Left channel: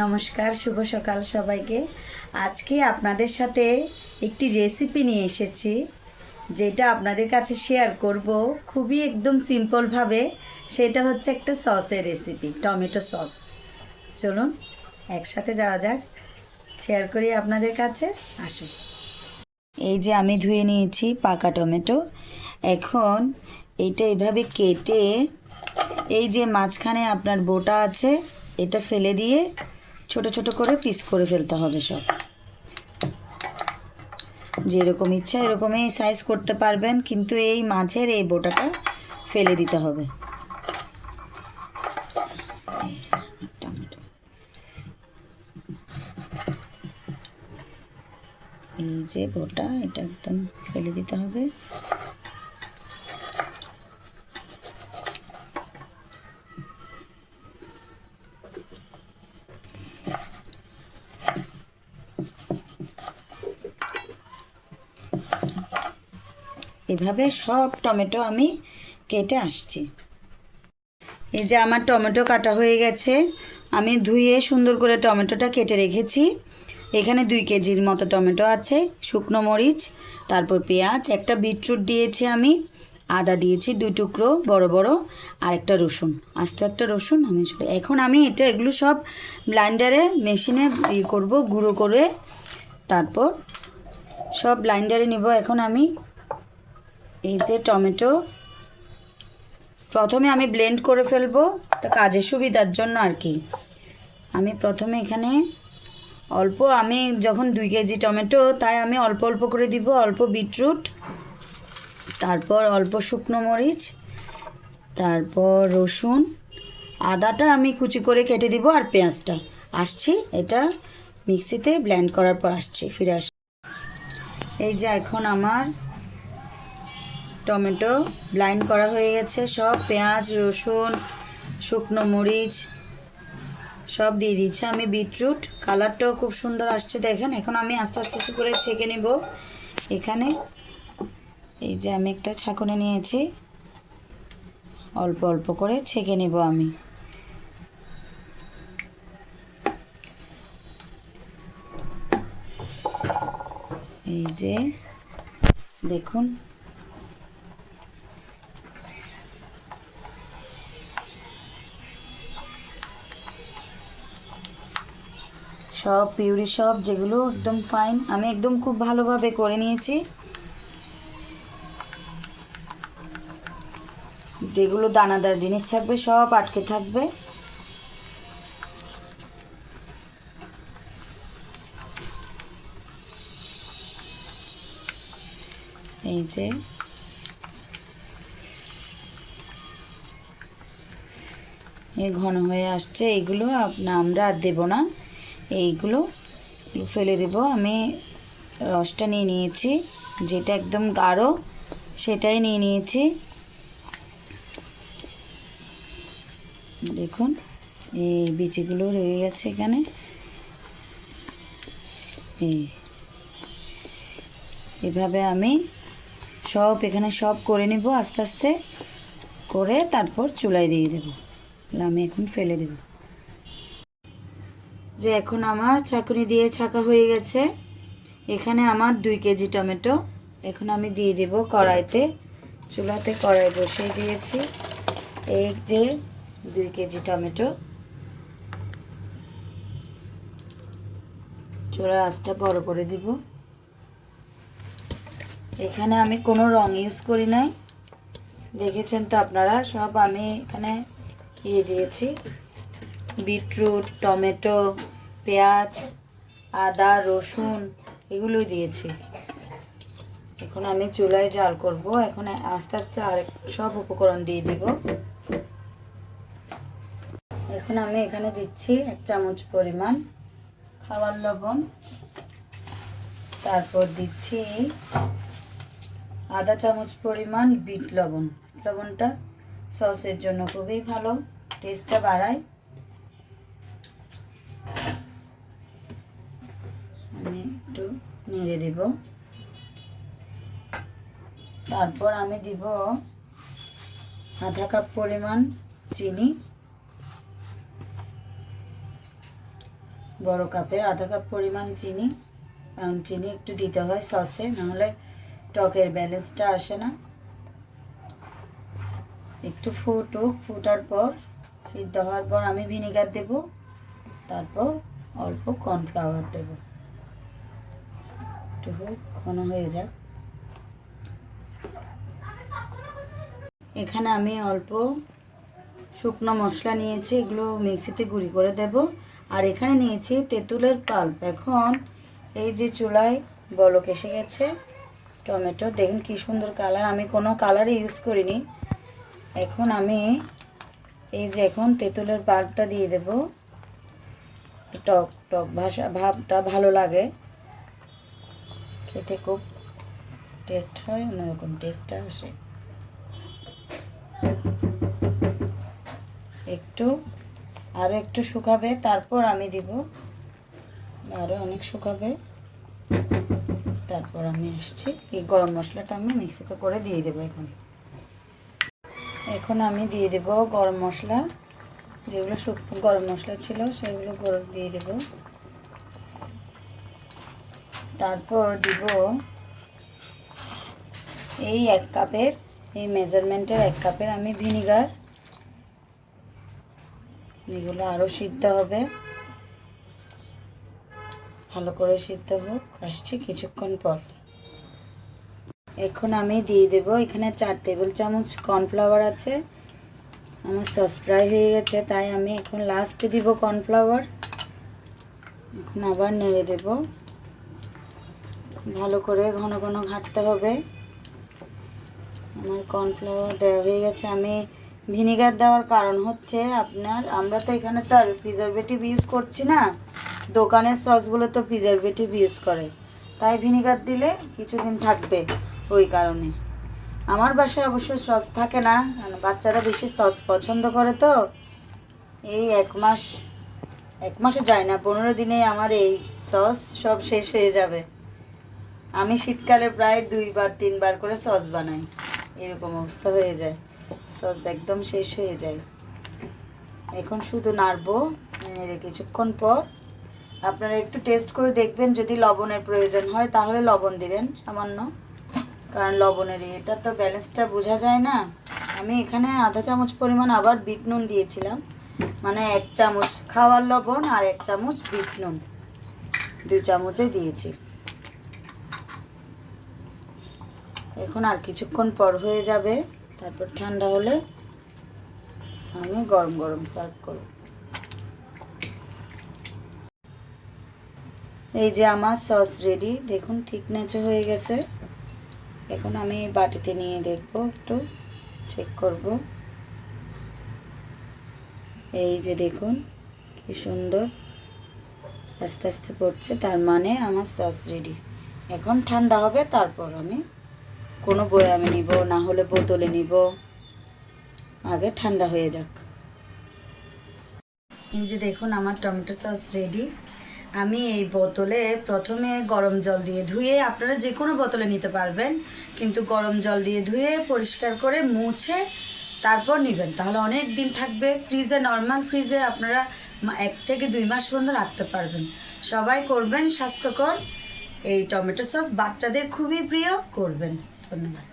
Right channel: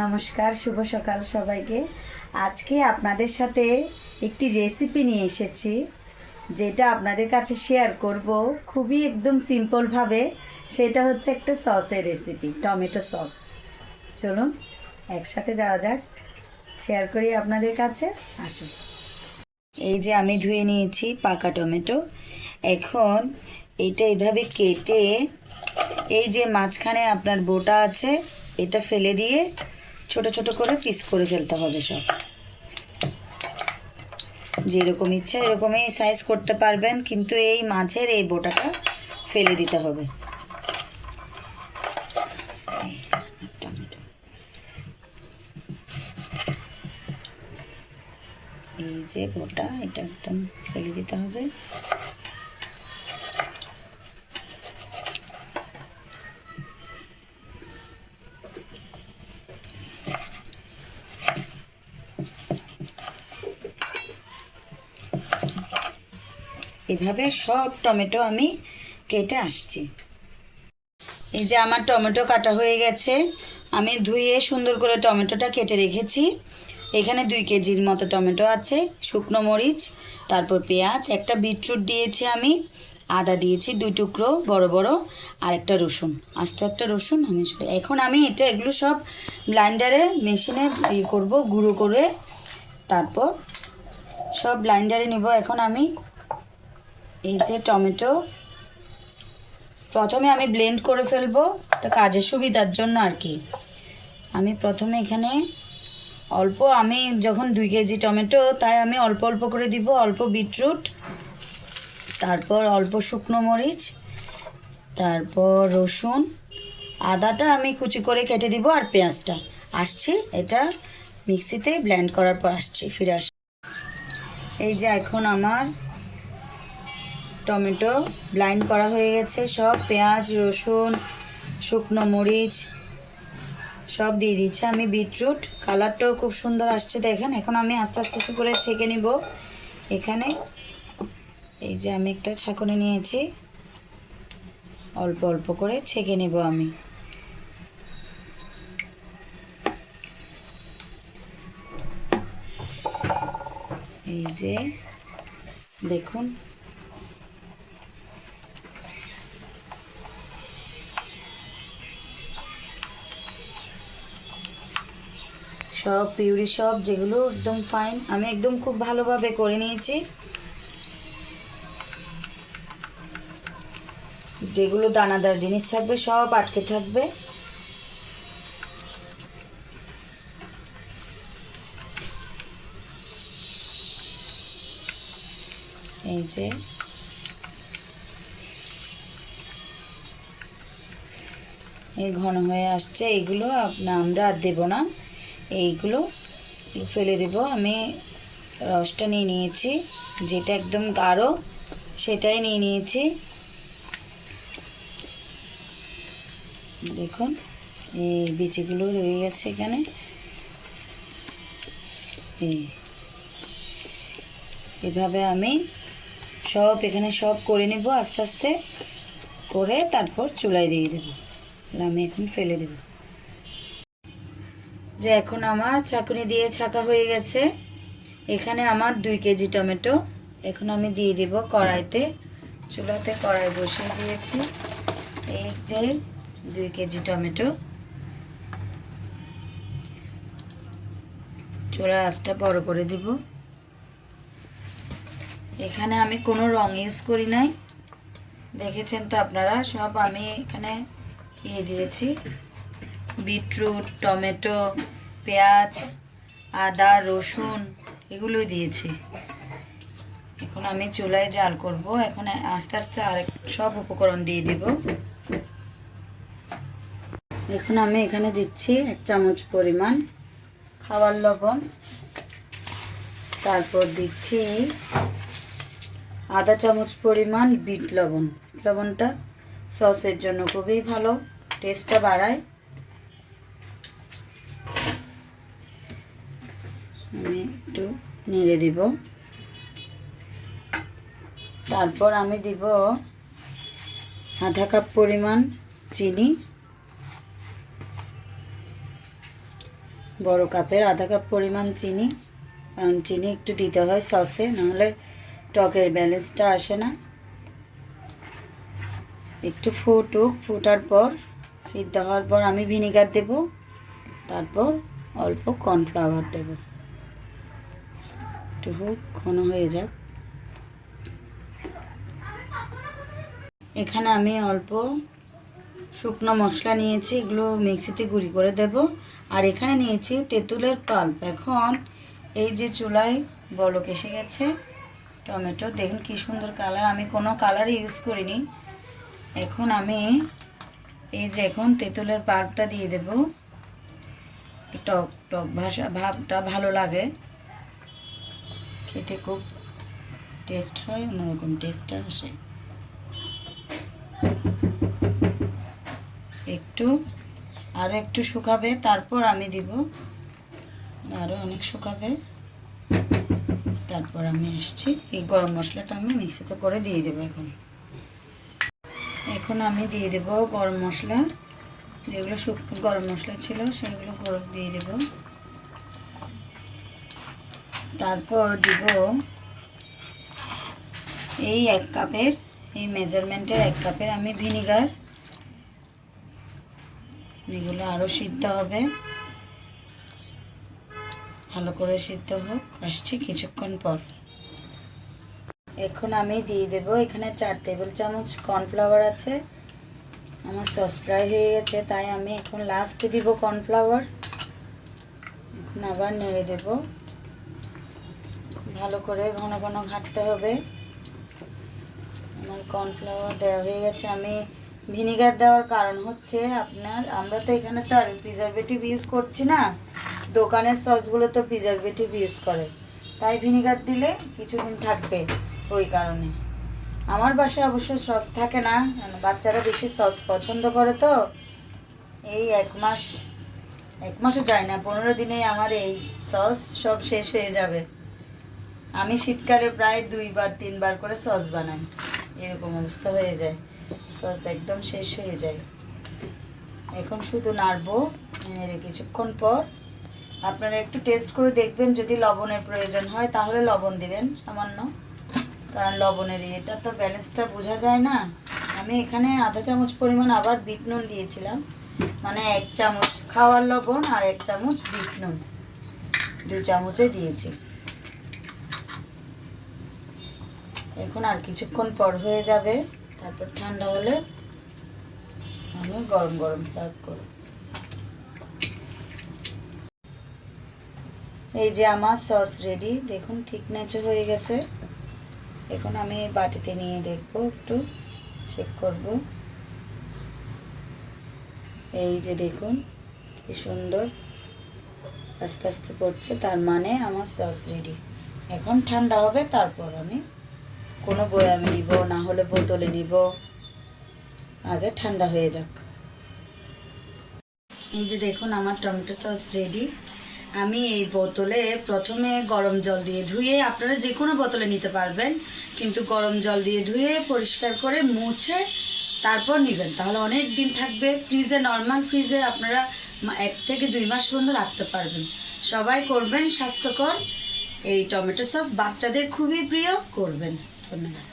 নমস্কার, শুভ সকাল সবাইকে। আজকে আপনাদের সাথে একটি রেসিপি নিয়ে এসেছি, যেটা আপনাদের কাছে শেয়ার করব খুবই একদম সিম্পলভাবে। সেটা হচ্ছে একটা সসের রেসিপি, টমেটো সস। চলুন একসাথে যাওয়া যাক, শেয়ার করি আপনাদের কাছে। আসুন। এই যে আমি ধুয়ে নিয়েছি পাকা টমেটো। এখন এটা এভাবে কেটে, এই যে মাঝখানে আপনার বোটা আছে এটা ফেলে দিয়ে ছোট ছোট করে পিস করে ফেলতে হবে। সব যেরকম ইচ্ছা এরকমই সাইজ করতে পারবেন, কিন্তু এই মাঝের এই বোটাটা ফেলে দিতে হবে। এই যে বোটা, এটা একদম ফেলে দিতে হবে। এভাবে সব টমেটো আমি কেটে আসছি। এই যে আমার টমেটো কাটা হয়ে গেছে, আমি ধুয়ে সুন্দর করে টমেটোটা কেটে রেখেছি। এখানে 2 কেজির মতো টমেটো আছে, শুকনো মরিচ, তারপর পেঁয়াজ, একটা বিটরুট দিয়েছি আমি, আদা দিয়েছি 2 টুকরো বড় বড়, আর একটা রসুন, আস্ত একটা রসুন। এখন আমি এগুলো সব ব্লাইন্ডারে মেশিনে করব, গুঁড়ো করে তারপর সব ব্লাইন্ডারে নিব। এখন আমি এই যে টমেটো প্রথমে আমি ব্লেন্ড করে ফেলবো, এটা কাজের সুবিধার জন্য আর কি। আমি প্রথমে এখানে অল্প, আমি যখন 2 কেজি টমেটো তাই আমি অল্প অল্প করে দিব। অল্প বিটরুট, তারপর অল্প শুকনো মরিচ, তারপর রসুন, আদাটা আমি কুচি করে কেটে দিব, আর পেঁয়াজটা। আসছি, এটা মিক্সিতে ব্লেন্ড করার পর ফিরে আসছি। এই যে এখন আমার টমেটো ব্লেন্ড করা হয়ে গেছে, সব পেঁয়াজ, রসুন, শুকনো মরিচ সব দিয়ে দিচ্ছি আমি। বিটরুট কালারটাও খুব সুন্দর আসছে, দেখেন। এখন আমি আস্তে আস্তে করে ছেঁকে নিব। এখানে এই যে আমি একটা ছাঁকুনি নিয়েছি, অল্প অল্প করে ছেঁকে নিব আমি। এই যে দেখুন, সব পিউরি, সব যেগুলো একদম ফাইন, আমি একদম খুব ভালোভাবে করে নিয়েছি। যেগুলো দানাদার জিনিস থাকবে সব আটকে থাকবে। এই যে এই ঘন হয়ে আসছে, এইগুলো আমরা আর দেবো না, এইগুলো ফেলে দেব। আমি রসটা নিয়ে নিয়েছি, যেটা একদম গাঢ় সেটাই নিয়ে নিয়েছি। দেখুন এই বিচিগুলো রয়ে গেছে এখানে। এইভাবে আমি সব এখানে সব করে নিব আস্তে আস্তে করে, তারপর চুলায় দিয়ে দেব। আমি এখন ফেলে দেব। যে এখন আমার ছাঁকুনি দিয়ে ছাঁকা হয়ে গেছে। এখানে আমার 2 কেজি টমেটো এখন আমি দিয়ে দেব কড়াইতে। চুলাতে কড়াই বসিয়ে দিয়েছি। এই যে 2 কেজি টমেটো, চুলার আঁচটা বড় করে দিব। এখানে আমি কোনো রং ইউজ করি নাই, দেখেছেন তো আপনারা। সব আমি এখানে দিয়েছি, বিটরুট, টমেটো, পেঁয়াজ, আদা, রসুন এগুলোই দিয়েছি। এখন আমি চুলায় জাল করব। এখন আস্তে আস্তে আরেক সব উপকরণ দিয়ে দিব। এখন আমি এখানে দিচ্ছি 1 চামচ পরিমাণ খাবার লবণ, তারপর দিচ্ছি আধা চামচ পরিমাণ বিট লবণ। লবণটা সসের জন্য খুবই ভালো, টেস্টটা বাড়ায়। আমি একটু নেড়ে দিব। তারপর আমি দিব আধা কাপ পরিমাণ চিনি, বড় কাপের আধা কাপ পরিমাণ চিনি, কারণ চিনি একটু দিতে হয় সসে, নাহলে টকের ব্যালেন্সটা আসে না। একটু ফুটার পর, সিদ্ধ হওয়ার পর আমি ভিনিগার দেব, তারপর অল্প কর্নফ্লাওয়ার দেব। একটু ঘন হয়ে যাক। এখানে আমি অল্প শুকনো মশলা নিয়েছি, এগুলো মিক্সিতে গুঁড়ি করে দেব। আর এখানে নিয়েছি তেঁতুলের পাল্প। এখন এই যে চুলায় বলক এসে গেছে, টমেটো দেখুন কি সুন্দর কালার, আমি কোনো কালার ইউজ করিনি। এখন আমি এই যে এখন তেঁতুলের পাল্পটা দিয়ে দেব। টক টক ভাবটা ভালো লাগে খেতে, খুব টেস্ট হয়, অন্যরকম টেস্টটা আসে। আরও একটু শুকাবে, তারপর আমি দিব, আরও অনেক শুকাবে, তারপর আমি আসছি। এই গরম মশলাটা আমি মিক্সিতে করে দিয়ে দেবো। এখন আমি দিয়ে দেব গরম মশলা, যেগুলো গরম মশলা ছিল সেগুলো গরম দিয়ে দেব। তারপর দিব এই 1 কাপের, এই মেজারমেন্টের 1 কাপের আমি ভিনিগার। এগুলো আরও সিদ্ধ হবে, ভালো করে সিদ্ধ হোক, আসছি কিছুক্ষণ পর। এখন আমি দিয়ে দেব, এখানে 4 টেবিল চামচ কর্নফ্লাওয়ার আছে। আমার সস ফ্রাই হয়ে গেছে, তাই আমি এখন লাস্টে দিব কর্নফ্লাওয়ার। এখন আবার নেড়ে দেব, ভালো করে ঘন ঘন ঘাঁটতে হবে। আমার কর্নফ্লাওয়ার দেওয়া হয়ে গেছে। আমি ভিনিগার দেওয়ার কারণ হচ্ছে আমরা তো এখানে তো আর প্রিজারভেটিভ ইউজ করছি না, দোকানের সসগুলো তো প্রিজারভেটিভ ইউজ করে, তাই ভিনিগার দিলে কিছুদিন থাকবে, ওই কারণে। আমার বাসায় অবশ্য সস থাকে না, বাচ্চারা বেশি সস পছন্দ করে, তো এই 1 মাসও যায় না, 15 দিনে আমার এই সস সব শেষ হয়ে যাবে। আমি শীতকালে প্রায় 2-3 বার করে সস বানাই, এরকম অবস্থা হয়ে যায়, সস একদম শেষ হয়ে যায়। এখন শুধু নাড়বো, নেড়ে কিছুক্ষণ পর আপনারা একটু টেস্ট করে দেখবেন, যদি লবণের প্রয়োজন হয় তাহলে লবণ দিবেন সামান্য, কারণ লবণের এটা তো ব্যালেন্সটা বোঝা যায় না। আমি এখানে আধা চামচ পরিমাণ আবার বিট নুন দিয়েছিলাম, মানে 1 চামচ খাওয়ার লবণ আর 1 চামচ বিট নুন, 2 চামচে দিয়েছি। এখন আর কিছুক্ষণ পর হয়ে যাবে, তারপর ঠান্ডা হলে আমি গরম গরম সার্ভ করব। এই যে আমার সস রেডি, দেখুন থিকনেস হয়ে গেছে। এখন আমি বাটিতে নিয়ে দেখব, একটু চেক করব। এই যে দেখুন কি সুন্দর আস্তে আস্তে পড়ছে, তার মানে আমার সস রেডি। এখন ঠান্ডা হবে, তারপর আমি কোনো বয়ামে নিব, না হলে বোতলে নিব, আগে ঠান্ডা হয়ে যাক। এই যে দেখুন আমার টমেটো সস রেডি। আমি এই বোতলে প্রথমে গরম জল দিয়ে ধুয়ে, আপনারা যে কোনো বোতলে নিতে পারবেন, কিন্তু গরম জল দিয়ে ধুয়ে পরিষ্কার করে মুছে তারপর নেবেন, তাহলে অনেক দিন থাকবে। ফ্রিজে, নর্মাল ফ্রিজে আপনারা 1 থেকে 2 মাস পর্যন্ত রাখতে পারবেন। সবাই করবেন, স্বাস্থ্যকর এই টমেটো সস বাচ্চাদের খুবই প্রিয়, করবেন। ধন্যবাদ।